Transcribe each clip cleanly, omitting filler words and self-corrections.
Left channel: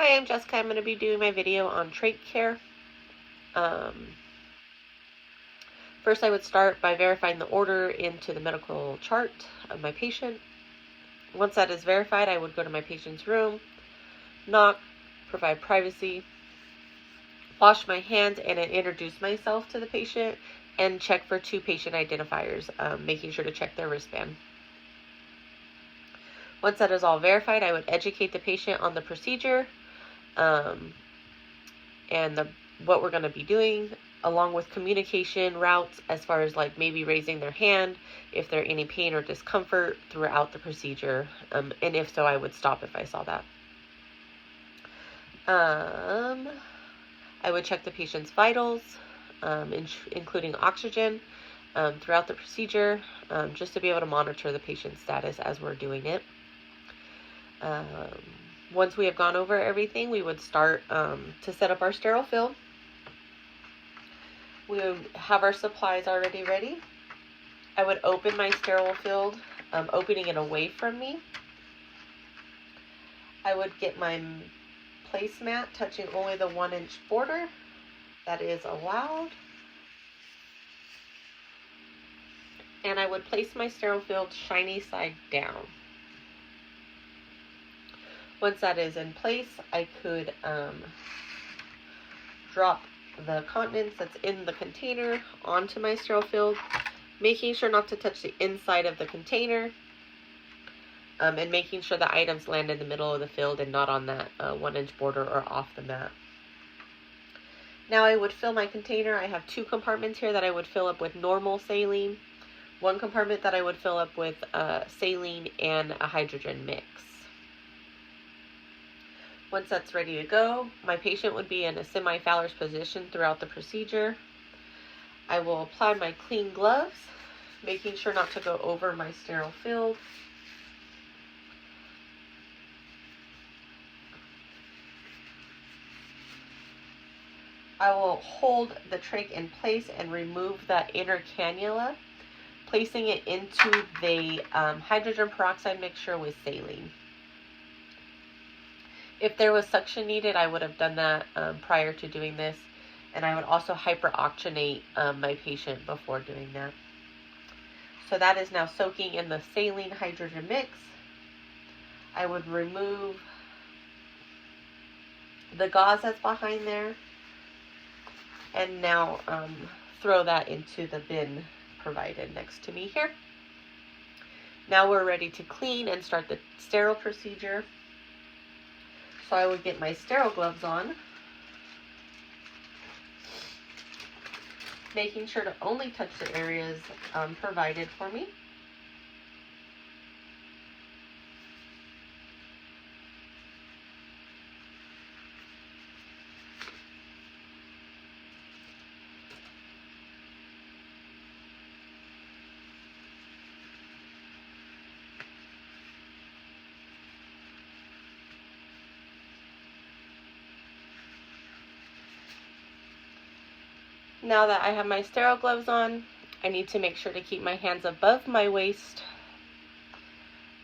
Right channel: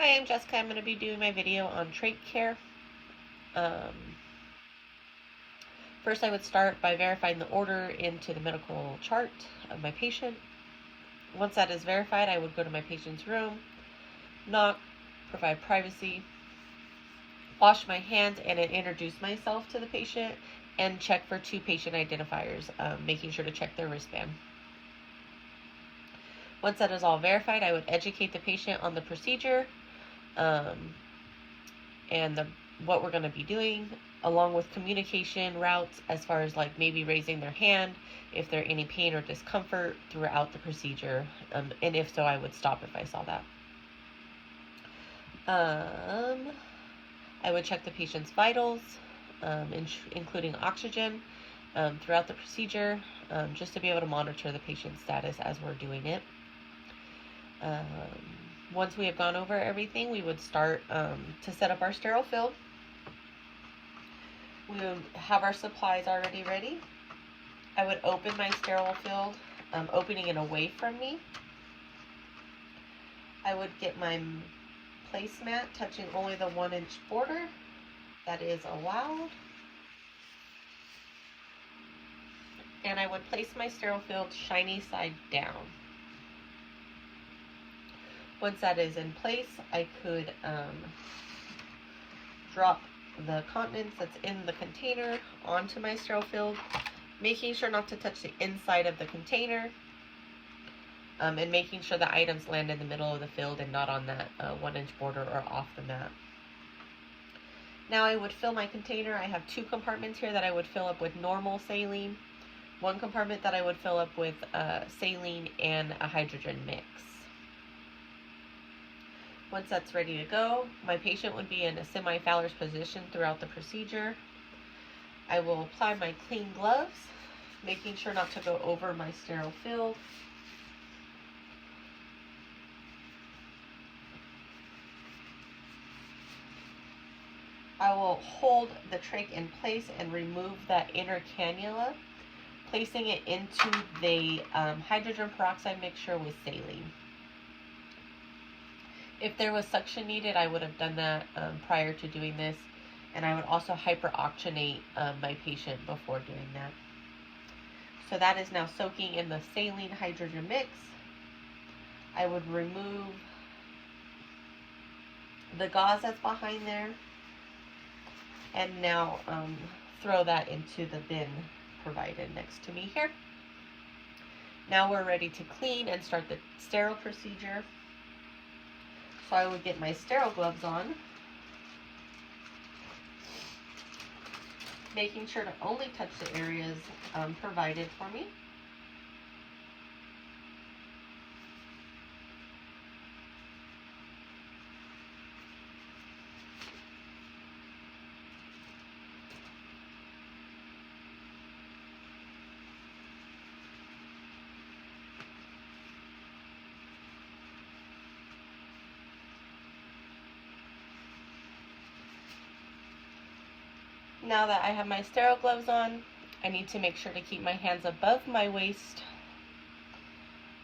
Hi, I'm Jessica. I'm going to be doing my video on trach care. First, I would start by verifying the order into the medical chart of my patient. Once that is verified, I would go to my patient's room, knock, provide privacy, wash my hands, and then introduce myself to the patient and check for 2 patient identifiers, making sure to check their wristband. Once that is all verified, I would educate the patient on the procedure and what we're going to be doing, along with communication routes as far as like maybe raising their hand if there's any pain or discomfort throughout the procedure. And if so, I would stop if I saw that. I would check the patient's vitals, including oxygen, throughout the procedure, just to be able to monitor the patient's status as we're doing it. Once we have gone over everything, we would start to set up our sterile fill. We would have our supplies already ready. I would open my sterile fill, opening it away from me. I would get my placemat touching only the 1-inch border. That is allowed. And I would place my sterile fill shiny side down. Once that is in place, I could drop the continence that's in the container onto my sterile fill, making sure not to touch the inside of the container, and making sure the items land in the middle of the field and not on that 1-inch border or off the mat. Now I would fill my container. I have 2 compartments here that I would fill up with normal saline, 1 compartment that I would fill up with saline and a hydrogen mix. Once that's ready to go, my patient would be in a semi-Fowler's position throughout the procedure. I will apply my clean gloves, making sure not to go over my sterile fill. I will hold the trach in place and remove that inner cannula, placing it into the hydrogen peroxide mixture with saline. If there was suction needed, I would have done that prior to doing this, and I would also hyperoxygenate my patient before doing that. So that is now soaking in the saline hydrogen mix. I would remove the gauze that's behind there, and now throw that into the bin provided next to me here. Now we're ready to clean and start the sterile procedure. So I would get my sterile gloves on, making sure to only touch the areas provided for me. Now that I have my sterile gloves on, I need to make sure to keep my hands above my waist,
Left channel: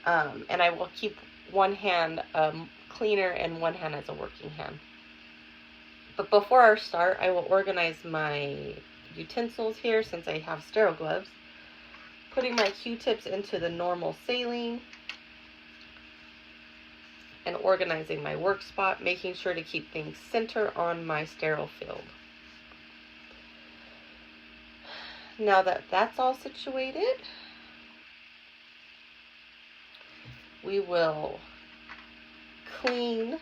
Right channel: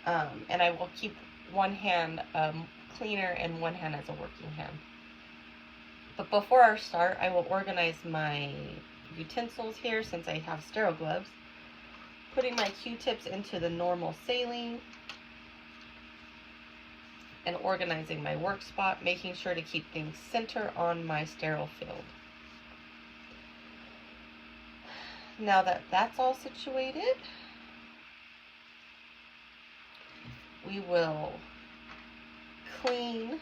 and I will keep one hand cleaner and one hand as a working hand. But before I start, I will organize my utensils here since I have sterile gloves, putting my Q-tips into the normal saline and organizing my work spot, making sure to keep things center on my sterile field. Now that that's all situated, we will clean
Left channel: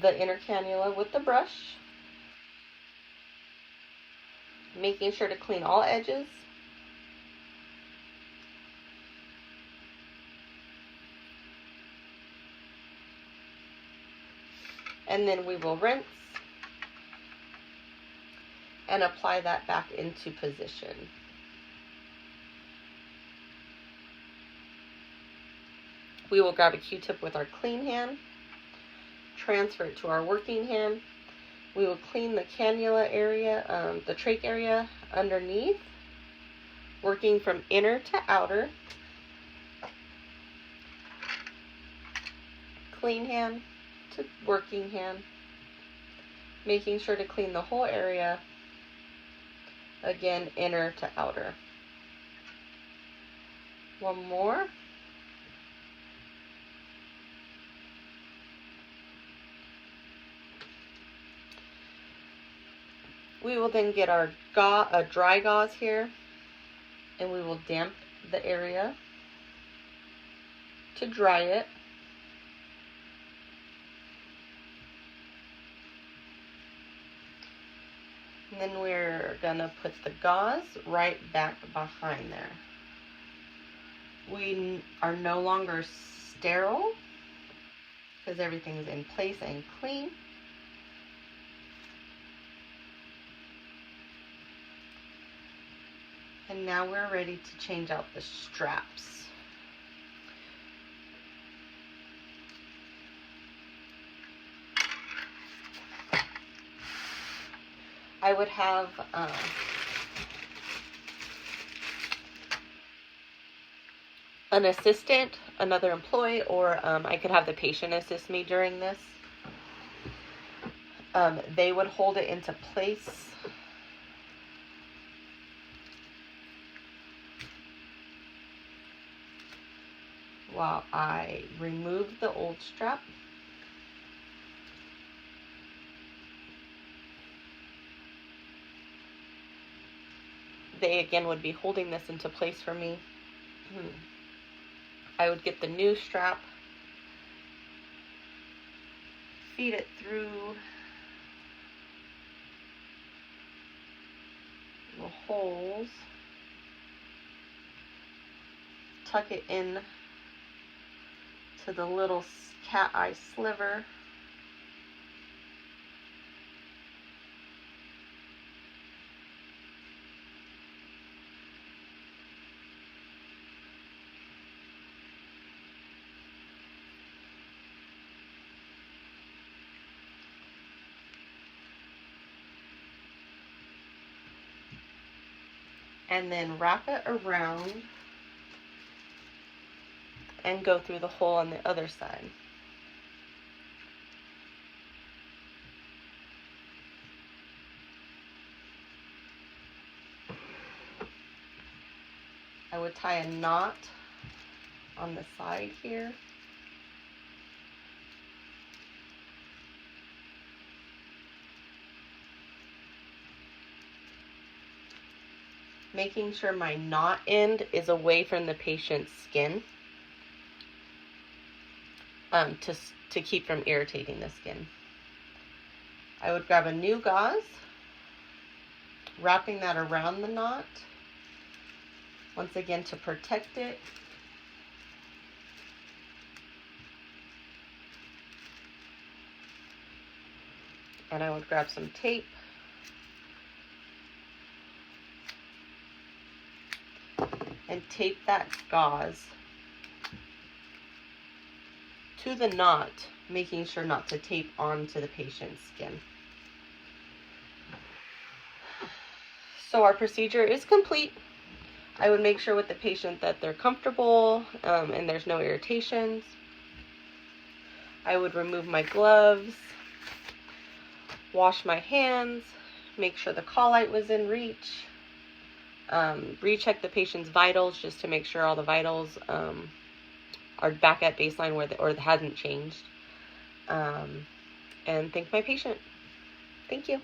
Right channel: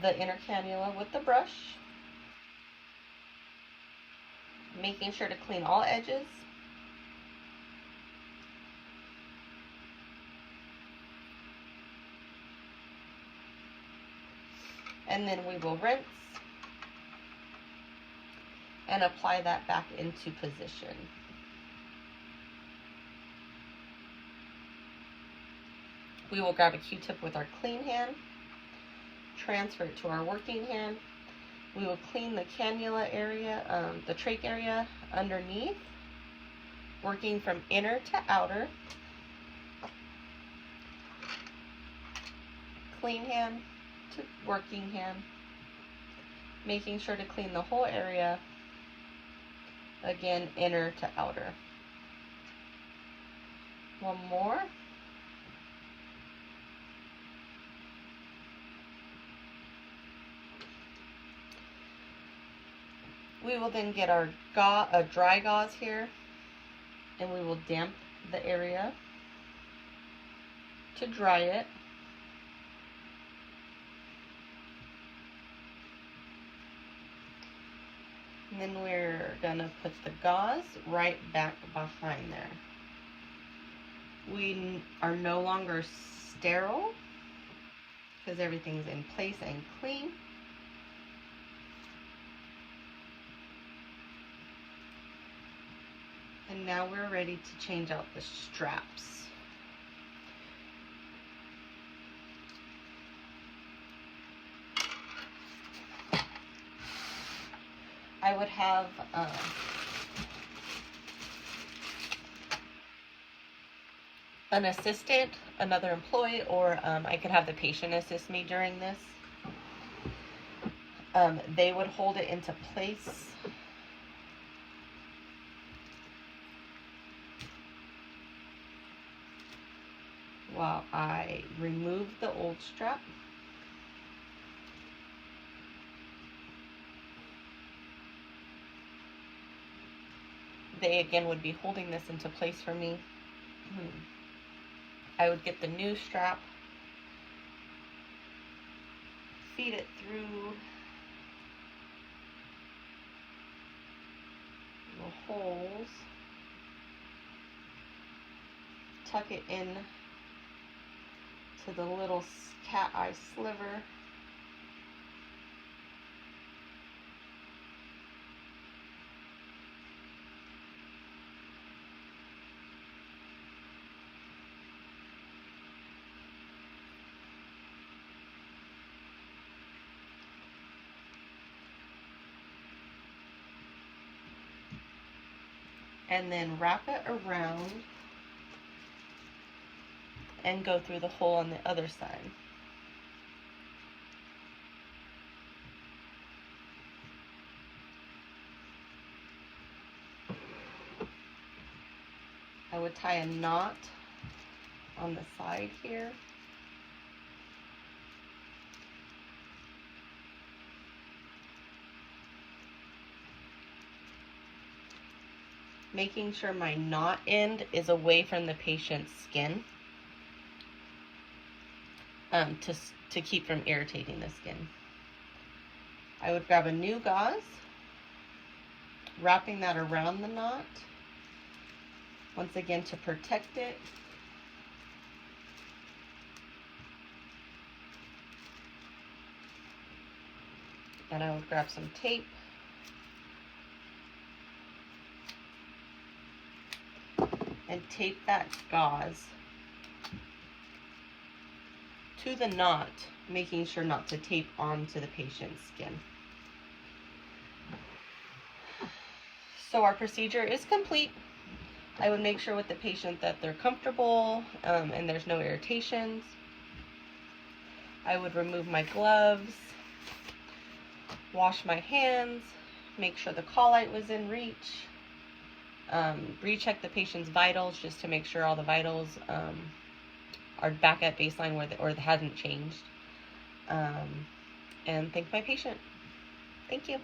the inner cannula with the brush, making sure to clean all edges. And then we will rinse and apply that back into position. We will grab a Q-tip with our clean hand, transfer it to our working hand. We will clean the cannula area, the trach area underneath, working from inner to outer. Clean hand to working hand, making sure to clean the whole area, again, inner to outer. One more. We will then get our dry gauze here, and we will damp the area to dry it. And then we're gonna put the gauze right back behind there. We are no longer sterile because everything's in place and clean. And now we're ready to change out the straps. I would have an assistant, another employee, or I could have the patient assist me during this. They would hold it into place while I remove the old strap. They again would be holding this into place for me. I would get the new strap, feed it through the holes, tuck it in to the little cat eye sliver, and then wrap it around and go through the hole on the other side. I would tie a knot on the side here. Making sure my knot end is away from the patient's skin to keep from irritating the skin. I would grab a new gauze, wrapping that around the knot, once again to protect it. And I would grab some tape and tape that gauze to the knot, making sure not to tape onto the patient's skin. So our procedure is complete. I would make sure with the patient that they're comfortable and there's no irritations. I would remove my gloves, wash my hands, make sure the call light was in reach, recheck the patient's vitals just to make sure all the vitals are back at baseline or hasn't changed, and thank my patient. Thank you.